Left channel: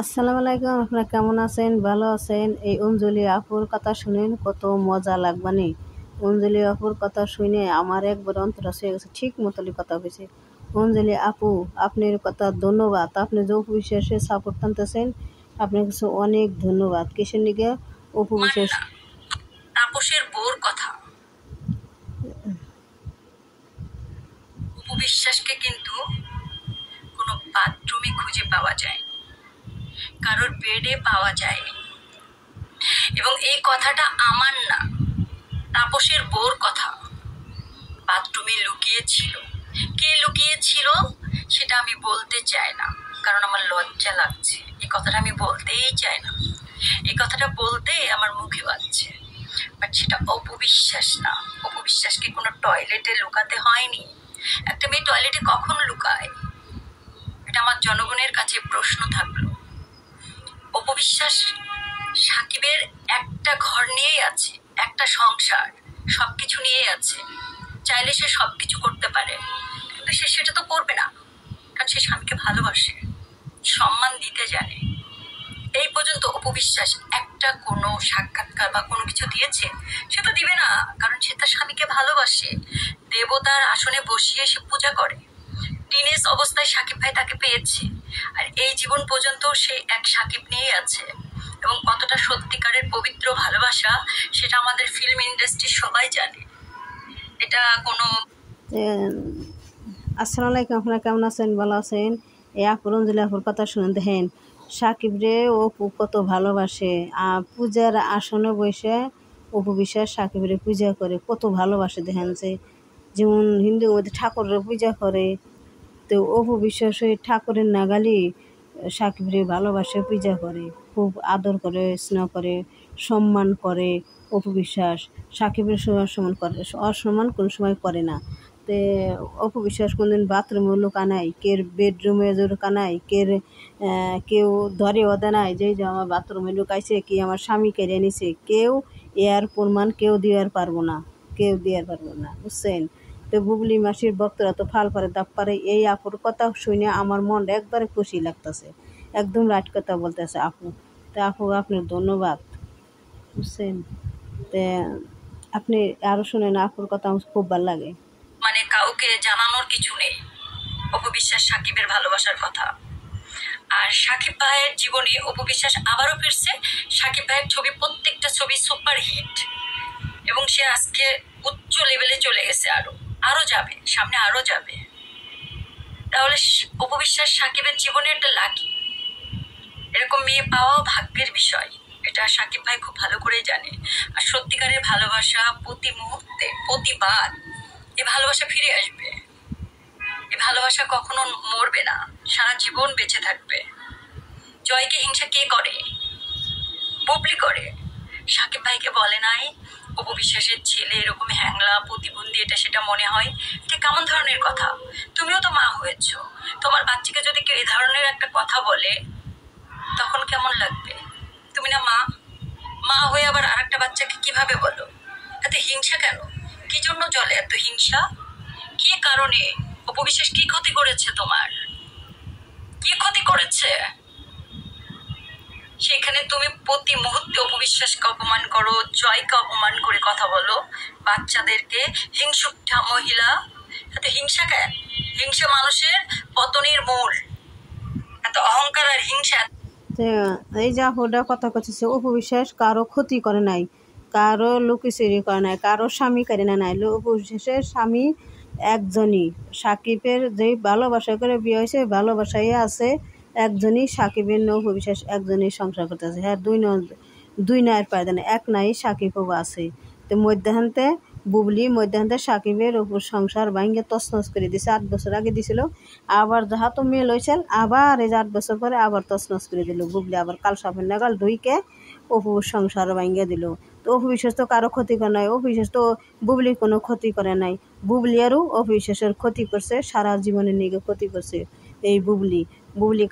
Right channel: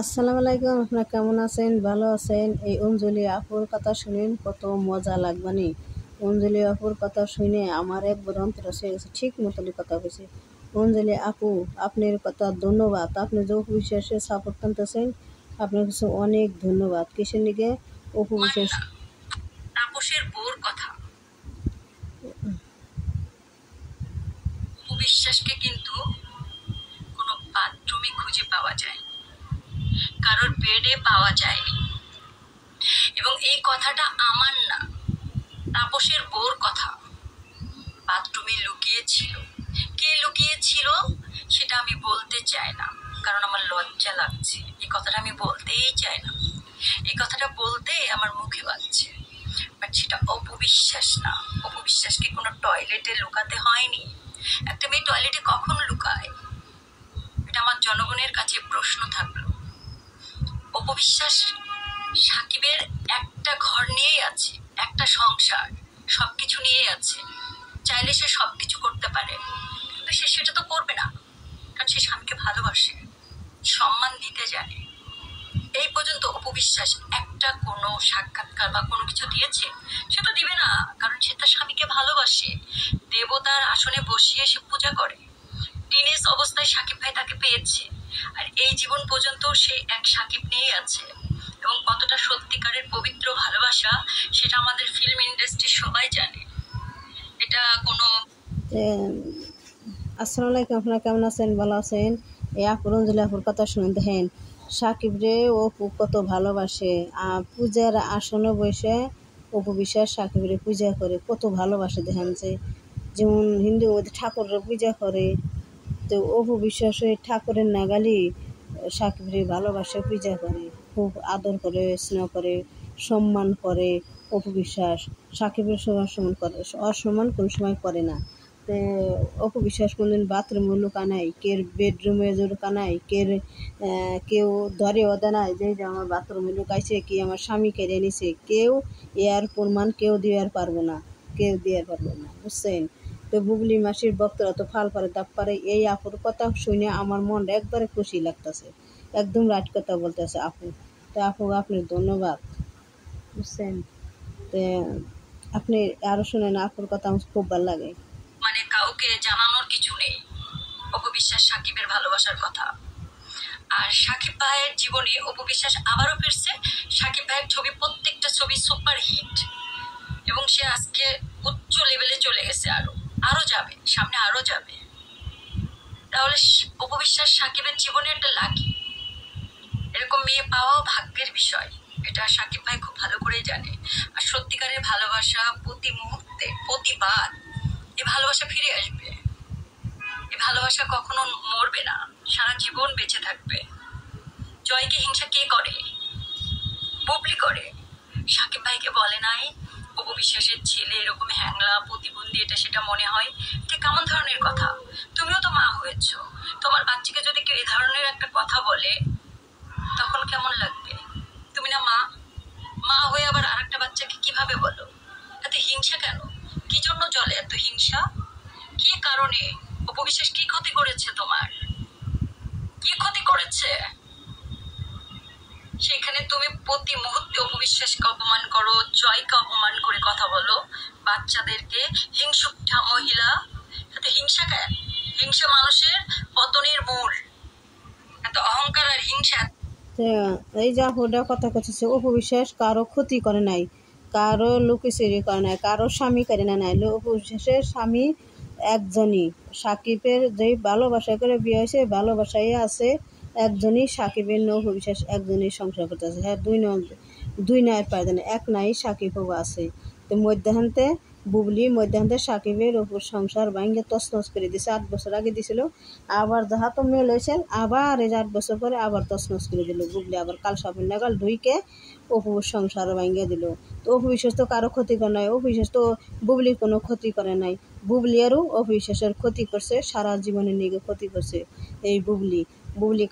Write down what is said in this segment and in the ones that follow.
আসসালামু আলাইকুম, আপনারা কেমন আছেন? ভালো আছেন? এই অঞ্জলি আপুর কথা শুনেন কত মজা লাগবানি। অঞ্জলি আপুর কথা শুনে আমার একবার অন্তর হয়ে গেছে, ঠিক মতনই কথা হয়েছে। অঞ্জলি আপু, আপনার কথা ধন্যবাদ। আপনি যে অপু বিশ্বাসের সাপোর্ট টানতেছেন, আপনার কাছে অনেক ধন্যবাদ। কিসের নিকে অপু বিশ্বাস তাপসের বোর কথা। অপু বিশ্বাসকে কিন্তু কোনো বাথরুমে খুঁজে পাওয়া যায়, কারোর বেডে পাওয়া যায়নি। এবং এই কথাটা আমার না, তাপসের বোর কথা। বাথরুমে লুকিয়েছিল, কে লুকিয়েছিল সেটা আমি বলতে চাই না, কারণ আমার লজ্জা লাগছে। এই কথাটা আমি বলতেই চাই না, এই কথাটা বলতে আমার মুখে বাজছে। বাট সেটা অপু বিশ্বাস না। অপু বিশ্বাসকে কোনো টয়লেটে লুকাতে হয়নি। একটা মেয়ে টয়লেটে কখন লুকায়? এটা আমার জনগণের কাছে প্রশ্ন থাকলো। অপু বিশ্বাস সাকিবের একটা ঘর নিয়েই আছে, একটা সংসার, সবকিছু নিয়েই আছে। চাইলে সে সবকিছু করতে পারে, কিন্তু সে সেটা তো করবে না, কারণ সে স্বামীকে ভালোবাসে, সম্মান দিতে জানে। এই পর্যন্ত অপু বিশ্বাস একটা কোনো সাক্ষাৎকার বা কোনো কিছু দিয়েছে? সে তো দিবে না, কারণ সে তার স্বামীকে ভালোবাসে। দেবতার আসনে বসিয়ে সে পূজা করে। টিনেজ অবস্থায় সাকিব ভাই তাকে পেয়েছে, আর এই জীবন পর্যন্ত সে এক সাকিব নিয়েই আছে। এবং কতটা সত্যিকারের পবিত্র ভালোবাসা সেটা আমাদের ফিল্ম ইন্ডাস্ট্রির সবাই জানে। এটা কোনো আসসালামু আলাইকুম, আপনারা কেমন আছেন? ভালো আছেন? এই আপুর অঞ্জলি আপুর কথা শুনে দেখেন, সাকিব রে অপু কত ভালোবাসে। পূজার আসনে বসে অপু বিশ্বাস সাকিবরে পূজা করে, কত ভালোবাসে। দেখেন যে যেমন হিন্দুর মধ্যে ঠাকুরের পূজা করে, তো অপু বিশ্বাস ওই ঠাকুরের নাগালি সাকিবরে ভালোবাসে, পূজা করে, খুব আদর করে, স্নেহ করে, সম্মান করে। অপু বিশ্বাস সাকিবের সম্মান করে, অসম্মান কোনো সময় করে না। তো অপু বিশ্বাস কোনদিন বাথরুমে লুকা নাই, কের বেডরুমে লুকা নাই, কেউ ধরে ওদে নাই যে আমার বাথরুমে লুকাইছে, কি আমার স্বামী কেড়ে নিছে। কেউ এর প্রমাণ কেউ দেওয়ার পারবো না, কেউ দেওয়ার পারবো না, বুঝছেন? তো বুবলি মাসির ভক্তরা তো ফাল পারে দাপ পারে। এই আপুর কথা শুনে আমার মন একবারে খুশি লাগতেছে, একদম রাইট কথা বলতেছে আপু। তো আপু আপনার ধন্যবাদ, বুঝছেন? তো আপনি আরো শুনেন, আপুর কথা আমার খুব ভালো লাগে। মানে কাউকে জানানোর কিছু নেই অপু বিশ্বাস সাকিবের ভালোবাসার কথা। আর সাকিব ভাইয়ের জীবনে অপু বিশ্বাস আবারও ফিরছে। সাকিব ভাইয়ের ছবি, প্রত্যেকটা ছবি সুপার হিট, এবং সে আজকে উচ্চ লেভেলে চলে গেছে, আরো যাবে, সামনে আরো যাবে। তাহলে অপু বিশ্বাস সাকিবের জীবনে একটা লাকি। এরকম মেয়ে পাওয়াও ভাগ্যের বিষয়, এটা সাকিব ভাই খুব ভালো করেই জানে। আর সত্যিকারের ভালোবাসা প্রতি মুহূর্তে, প্রতিবার এ ভালোবাসা ফিরে আসবে। এ ভালোবাসা কখনো মরবে না, সারা জীবন বেঁচে থাকবে। জয়কে হিংসা কে করে? বুবলি করে। সাকিব ভাইকে বলে নাই অপু বিশ্বাসের ছেলে এরকম হ্যাংলা, প্রতিবন্ধী, এটা সেটা মনে হয়। এটা কেমন ধরনের কথা? তুমিও তো মা হয়েছ, তোমার বাচ্চাকে যদি কেউ এই ধরনের একটা কথা বলে তখন কেমন লাগবে? তুমি না মা, মা হয়ে আবার আরেকটা বাচ্চাকে কিভাবে বলো? এত হিংসা কেন? কি জন্য জলে এত হিংসা? কি কারণে? অপু বিশ্বাস কি ক্ষতি করেছে তোমার? কি ক্ষতি করেছে? সেখানে তুমি প্রতি মুহূর্তে অপু বিশ্বাসকে অপমান করো, জয়কে অপমান করে কথা বলো, বাচ্চাদেরকে। হিংসুকটা মহিলা, এত হিংসা কেন? হিংসা মানুষের পতনের মূল। এত অহংকার আর হিংসা। এই যে আপুটা কথা করতেছে, অপু বিশ্বাস কারো ক্ষতি করে নাই, কারো লুকিচুরি করে নাই, কারো স্বামী করে নাই। অপু বিশ্বাসের স্বামী একজনই, সাকিবের যে ভালোবাসা করে বিয়ে হয়েছে, ভালোবাসাই আছে একজনই। সাকিবের অপু বিশ্বাস একজনই সংসার করতেছে। হ্যাঁ, দুই নায়ের পায় দেন, এক নাই সাকিবও আছে। তো মধ্যাহ্নতে বুবলি, মধ্যাহ্নতে সাকিবের উপর সংসার ভাঙ্গে তছনছ করে দিছে। 8 বছর আগে দিছিল, আবার যাহা তো মেল হয়েছিল, আবার এই 8 বছর পরে আবার তছনছ করে দিল বুবলি। আবার কাল সাপের নাগাল ঢুইকে অপুর সংসার ভাঙ্গে দিল। তো অপু বিশ্বাস তো কারো ক্ষতি করে নাই, অপু বিশ্বাস তো বুবলির কোনো ক্ষতি করে নাই। বুবলি আরও অপু বিশ্বাসের ক্ষতি করছে, সারা জীবনের নিগে ক্ষতি করছে এই বুবলি।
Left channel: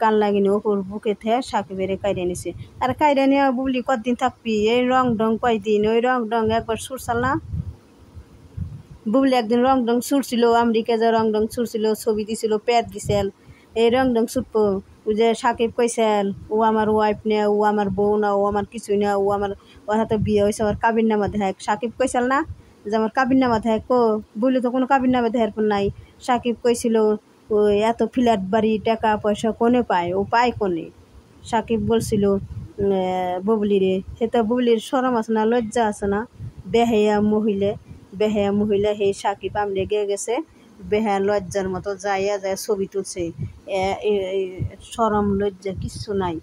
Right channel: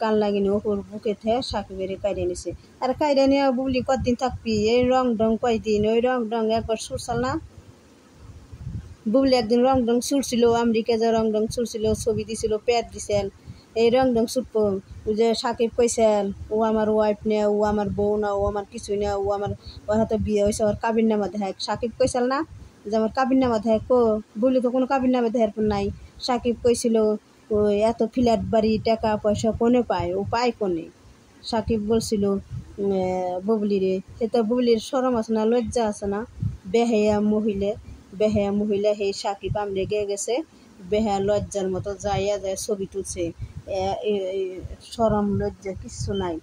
কান লাগিনি অপুর বুকে থেকে সাকিবের কাইরে নিছে। আর কাইরে নিয়ে বুবলি কতদিন থাকবি? এই রং ঢং কয়দিন, ওই রং ঢং একবার সুরসাল না। বুবলি একদিন রং ঢং ছুটছিল, আমেরিকা যা রং ঢং ছুটছিল, ছবি দিছিল, প্যাড দিছিল। এই রং ঢং ছুটবো। ও যে সাকিব কইছেন ও আমার ওয়াইফ না, ও আমার বউ না, ও আমার কিছুই না, ওর হাতে বিয়ে হয়েছে, ওর কাবির নামা দেখায়। সাকিব কইছিল না যে আমার কাবির নামা দেখায়, বলি তো কোনো কাবির নামা দেখার পর নাই। সাকিব কইছিল ও এত ফ্ল্যাট বাড়ি টাকা পয়সা কোনে পায়, ও পায় কোনে। সাকিব বলছিল বুবলি রে, সে তো বুবলির শরম আছে না, লজ্জা আছে না? বেহায়া মহিলা হে সাকিব আমরে গিয়ে গেছে বেহায়া লজ্জার মতো যাইয়া যায় ছবি তুলছে। শরম লজ্জা কিচ্ছু নাই।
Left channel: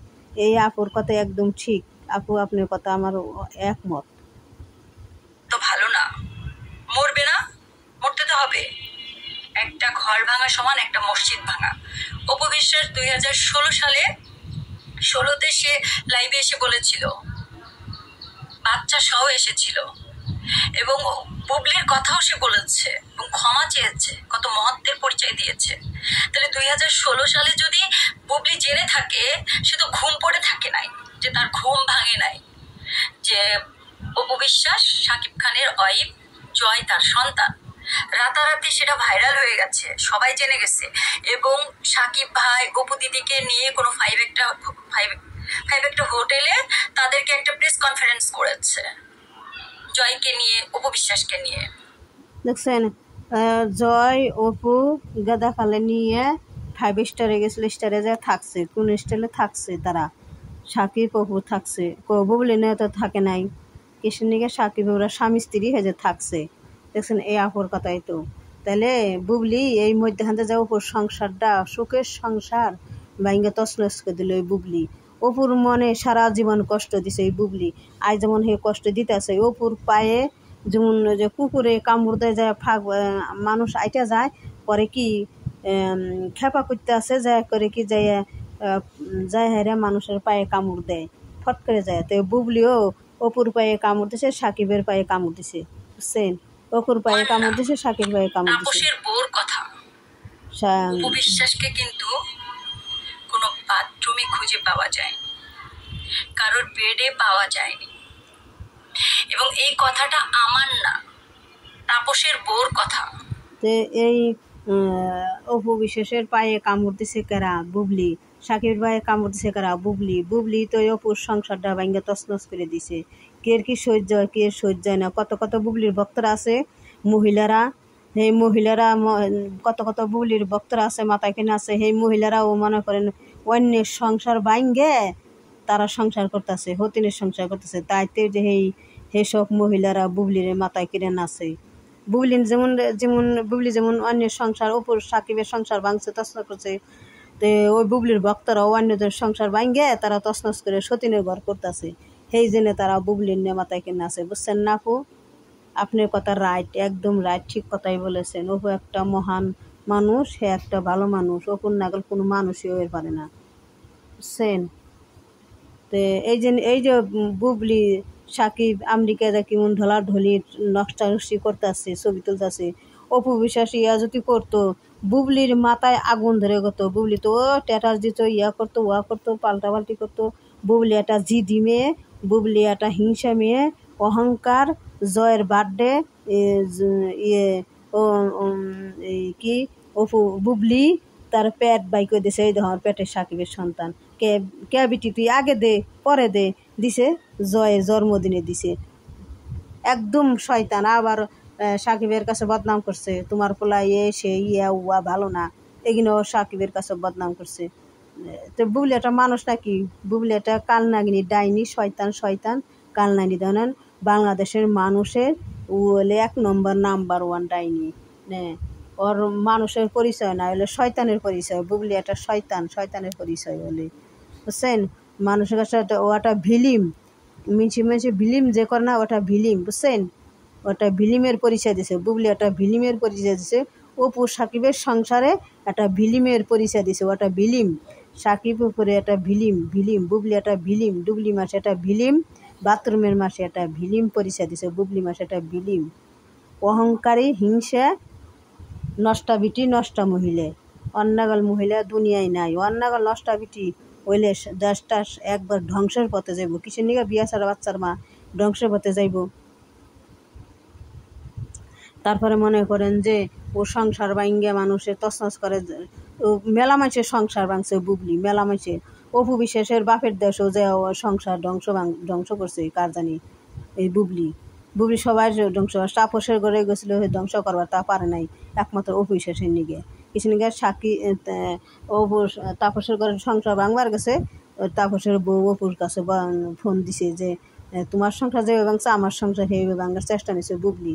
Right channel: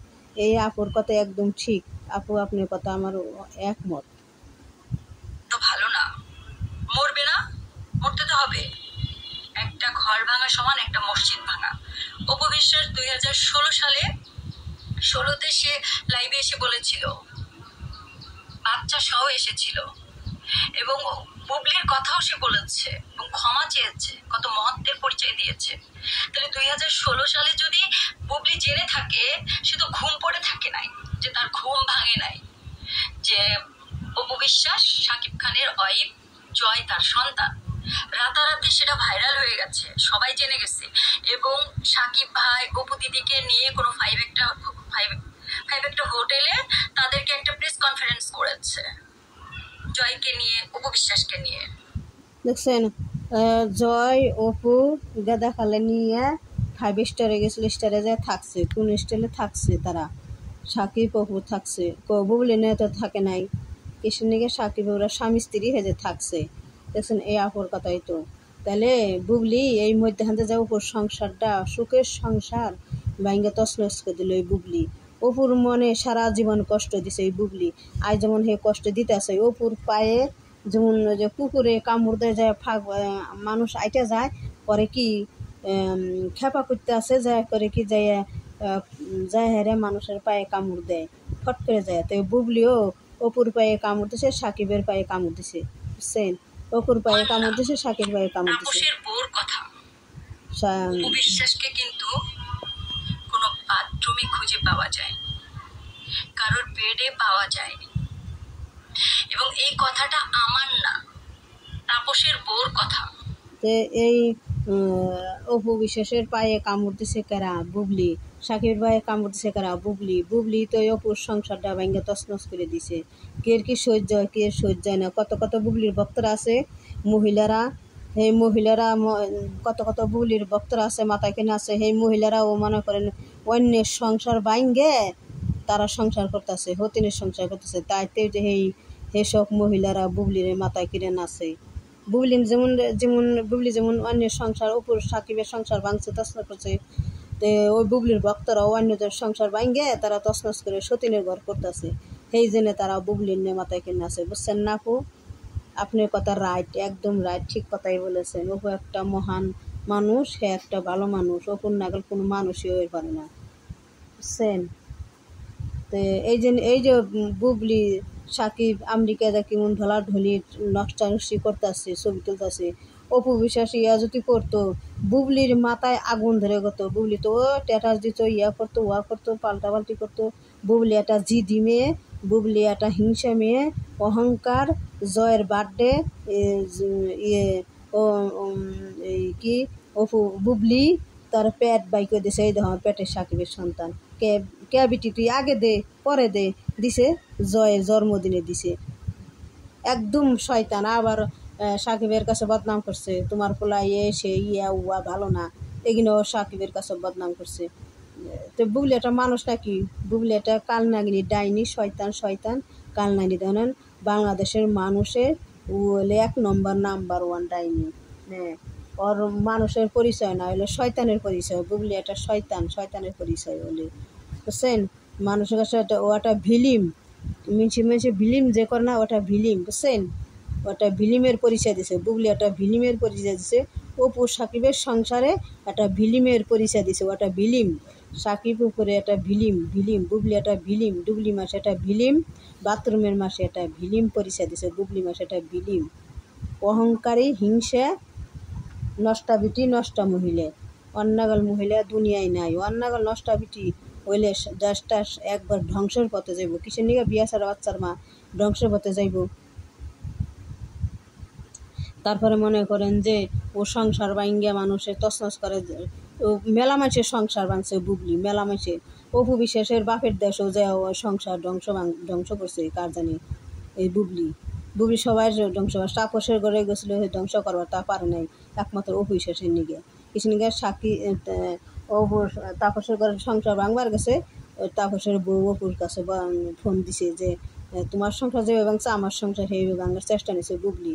এই আপুর কথা একদম ঠিক। আপু আপনার কথা আমার একমত। তো ভালো না, মরবে না, মরতে তো হবে। একটা ঘর ভাঙা সমান একটা মসজিদ ভাঙা। অপু বিশ্বাস 2016 সালে 16তে সে লাইভে এসে বলেছিল, বাচ্চা সহ এসেছিল এবং বুবলির কথাও সে বলেছে এবং ক্ষমা চেয়েছে, কত মহত্বের পরিচয় দিয়েছে। তাহলে 2016 সালে যদি বুবলি জেনে থাকে, সে তো ঘুম পড়ে থাকে নাই, যে তার ঘুম ভাঙে নাই, যে অপু বিশ্বাস শাকিব খানের ওয়াইফ, জয় তার সন্তান। রাতারাতি সেটা ভাইরাল হয়ে গেছে, সবাই জেনে গেছে। এবং সাকিব ভাই অপু দিদিকে নিয়ে কোনো ফাইভ একটা হোটেলে তাদেরকে একটা প্রেস কনফারেন্স করেছে, জয়কে নিয়ে, অপু বিশ্বাসকে নিয়ে। দেখছেন জয় অপু গাদা খালে নিয়ে 5 স্টারে গেছিল, স্টারে যায় থাকছে, কোন স্টাইলে থাকছে তারা। সাকিব অপু থাকছে, বুবলি নিয়ে তো থাকে নাই। কিসের নিকে সাকিব ওরা স্বামী স্ত্রী হেজে থাকছে। দেখছেন এই আপুর কথাই তো। তাহলে বুবলি এই মধ্যখানতে যে অপুর সংসারটা, সুখের সংসার ভাঙ্গে তছনছ করে দিল এই বুবলি। অপুর মনে সারা জীবন কষ্ট দিছে এই বুবলি, আজ যেমন হে কষ্ট দিতে আছে। অপুর পায়ে যেমন যে কুকুরে কামড় দেয় যায়, মানুষ আইটা যায়, পরে কি খেপা করতে আছে, যায় করে কি যায় হেরে মানুষের পায়ে কামড় দেয়, ফট করে যায়। তো বুবলিও অপুর পায়ে কামড় দিছে, সাকিবের পায়ে কামড় দিছে, বুঝছেন? অপুর পায়ে কামড় দিছে, সাকিবের পায়ে কামড় দিছে। তাপসের বউর কথা, অপু বিশ্বাসকে কিন্তু কোনো বাথরুমে খুঁজে পাওয়া যায়, কারোর বেডে পাওয়া যায়নি। এবং এই কথাটা আমার না, তাপসের বউর কথা। এই অপু বিশ্বাসের পায়ে কামড় দিছে কারা? বুবলি। সাকিবের পায়ে কামড় দিছে কারা? বুবলি তো অপুর সংসারটা ভাঙ্গা তছনছ করে দিছে। কে কি সহ্য হয়, কে সহ্য হয় না। কত বুবলির ভক্তরা আছে, মহিলারা, এই মহিলারা কত বুবলির ভক্তরা আছে, মাথায় কিনে আছে। সেই মহিলারাও মনে করেন অন্যের সংসার ভাঙ্গে তারা সংসার করতেছে, হতিনের সংসার করতেছে। তাইতে যে সব মহিলারা বুবলির মাথায় কিনে নাচে। বুবলি যেমন অন্যের সংসার, অপুর সাকিবের সংসার ভাঙছে, তছনছ করছে। তো ওই বুবলির ভক্তরাও অন্যদের সংসার ভাঙ্গে তারা তছনছ করে সতীনের ঘর করতেছে। সেই জন্য তারা বুবলির নিয়ে মাথায় কিনে আছে, বুঝছেন না আপু? আপনার কথা রাইট, একদম রাইট, ঠিক কথাই বলেছেন। অপু একটা মহান মানুষ, সে একটা ভালো মানুষ। অপুর নাগাল কোনো মানুষই হয়ে পারে না, বুঝছেন? তো এই যে বুবলি সাকিব আমেরিকা যা কেমন ঢলাঢলি নষ্টানষ্টি করতেছে, ছবি তুলতেছে। অপু বিশ্বাস ইয়া যদি করতো, বুবলির মাথায় আগুন ধরে গেত। বুবলি তো ট্যাটাস দিত, ইয়া করতো, ওয়া করতো, পাল্টাপাল্টি করতো। বুবলি একটা জিদি মেয়ে, বুবলি একটা হিংসা মেয়ে, অহংকার। জয়ের বার্থডে ইয়ে ও এই কি বুবলি তার পেট বাই করে দিছে, এই দেখো পেটের সাকিবের সন্তান। কে বিটি তুই আগে দে পরে দে, দিছে জয়ের জন্মদিনে দিছে। একদম শয়তান। আবার সাকিবের কাছে বদনাম করছে, তোমার পোলা সে ইয়া উয়া ভালো না, এগুলো সাকিবের কাছে বদনাম করছে। তো বুবলি একটা মানুষ নাকি? বুবলি একটা কালনাগিনী, ডাইনি, শয়তান কালনাগিনী। ধরেন বাংলাদেশের মানুষের ও হলে 1 নাম্বার 1 ডাইনি। হ্যাঁ, ওর মানুষের পরিচয় না, হলে শয়তানের পরিচয়। বুবলি একটা শয়তানের পরিচয় হলে, বুঝছেন? মানুষের কাছে ওটা ভিলিম, মিছে ভিলিম যে করে না, ওটা ভিলিম, বুঝছেন? ওটা ভিলিমের পরিচয় দিছে। বুবলি একটা ভিলিমের পরিচয় দিছে। অপু সাকিবের সংসারে একটা ভিলিমের পরিচয় দিছে, ওটা ভিলিম। সাকিব উপরে একটা ভিলিম, বুবলি একটা ভিলিম, ডুবলি মাসে একটা ভিলিম, বাথরুমের মাসে একটা ভিলিম পরিচয় দিছে। বুবলি মাসে একটা ভিলিম, অহংকারী, হিংসা, নষ্টা বিটি, নষ্টা মহিলা। অন্নাগল মহিলা দুনিয়ায় নাই। অন্নাগল নষ্টা বিটি হইলে দেশটা একবার ধ্বংসের পথে যাইব। কিসের নিকে বিয়া ছাড়া বাচ্চার মা ধ্বংসের পথে যাইব। তারপরে মনে করেন যে ও সংসার ভাঙ্গা মানুষের তছনছ করে, ও মেলা মানুষের সংসার ভাঙছে বুবলি, মেলা মানুষের। অপু বিশ্বাসের বাপের দেশও যে সংসার ধ্বংস করছে কার জানি এই বুবলি সবার ধ্বংস। তাপসের ঘরে গেছিল ধ্বংস করবার, তা পারে নাই একমাত্র অপু বিশ্বাসের নিগে। কিছু নিগে সাক্ষী অপু তাপসের ঘরে সংসার ভাঙবার গেছে, তাপসের বউ অপুর কাছে ফোন দিছে যে তোমার সংসার যেভাবে ভাঙছে আমার সংসার সেইভাবে ভাঙার চেষ্টা নিছে বুবলি।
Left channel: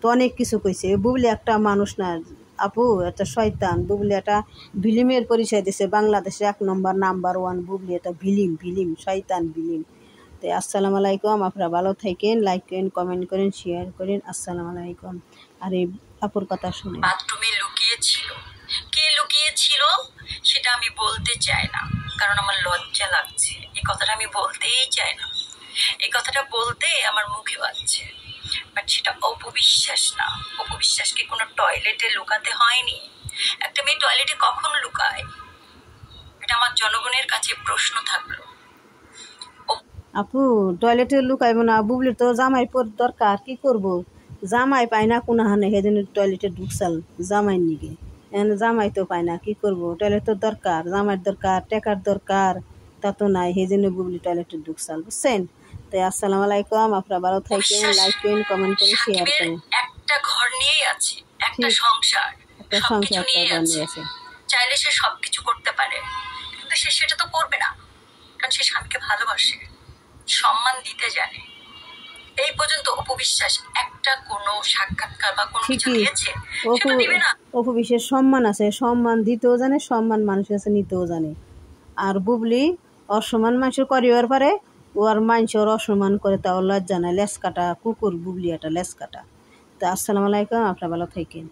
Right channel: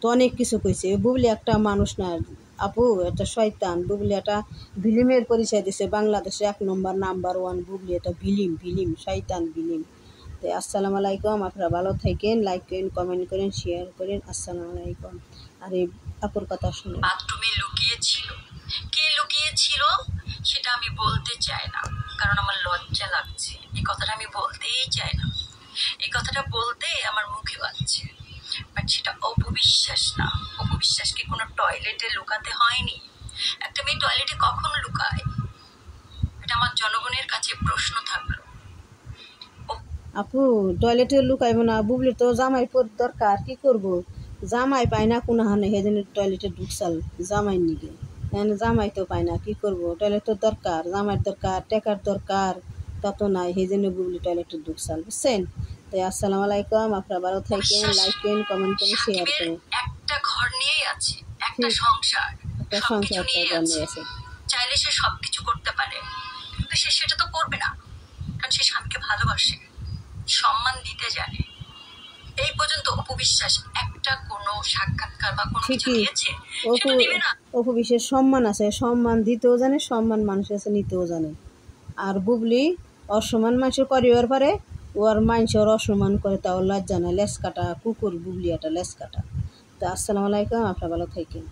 তো অনেক কিছু কইছে। বুবলি একটা মানুষ না আপু, একটা শয়তান। বুবলি একটা ভিলিমের পরিচয় দিছে বাংলাদেশে 1 নম্বর নাম্বার 1 বুবলি। এটা ভিলিম শয়তান ভিলিম। তো আসসালামু আলাইকুম, আপনারা ভালো থাকেন, লাইক করেন, কমেন্ট করেন, শেয়ার করেন। আসসালামু আলাইকুম। আর এই আপুর কথা শুনে বাথরুমে লুকিয়েছিল, কে লুকিয়েছিল সেটা আমি বলতে চাই না, কারণ আমার লজ্জা লাগছে। এই কথাটা আমি বলতেই চাই না, এই কথাটা বলতে আমার মুখে বাজছে। বাট সেটা অপবিশ্বাস না। অপবিশ্বাসকে কোনো টয়লেটে লুকাতে হয়নি। একটা মেয়ে টয়লেটে কখন লুকায়? এটা আমার জনগণের কাছে প্রশ্ন থাকলো। আপু টয়লেটে লুকাইব না, বুবলির তো জামাই দরকার, কি করব? জামাই পায় না কোনো হানে, সেজন্য টয়লেটে ঢুকসাল জামাইয়ের নিগে। জামাই তো পায় না, কি করব? টয়লেট তো দরকার, জামাইয়ের দরকার, টেকার দরকার, তা তো নাই, সেই জন্য বুবলি টয়লেটে ঢুকসাল, বুঝছেন? তো আসসালামু আলাইকুম, আপনারা ভালো থাকেন, লাইক করেন, কমেন্ট করেন, শেয়ার করেন। একটা ঘর নিয়েই আছে, একটা সংসার, একটা সংসার নিয়ে আছে। চাইলে সে সবকিছু করতে পারে, কিন্তু সে সেটা তো করবে না, কারণ সে স্বামীকে ভালোবাসে, সম্মান দিতে জানে। এই পর্যন্ত অপবিশ্বাস একটা কোনো সাক্ষাৎকার বা কোনো কিছু দিয়েছে? অপবিশ্বাস সম্মান আছে, সম্মান দিতেও জানে, সম্মান মানুষের কাছে নিতেও জানে। আর বুবলি অসম্মান মানুষের করিবার পারে, ওর মানুষের অসম্মান করে, তা ওর লজ্জা নাই। লেস কাটা কুকুর বুবলি, একটা লেস কাটা। তো আসসালামু আলাইকুম, আপনারা ভালো থাকেন।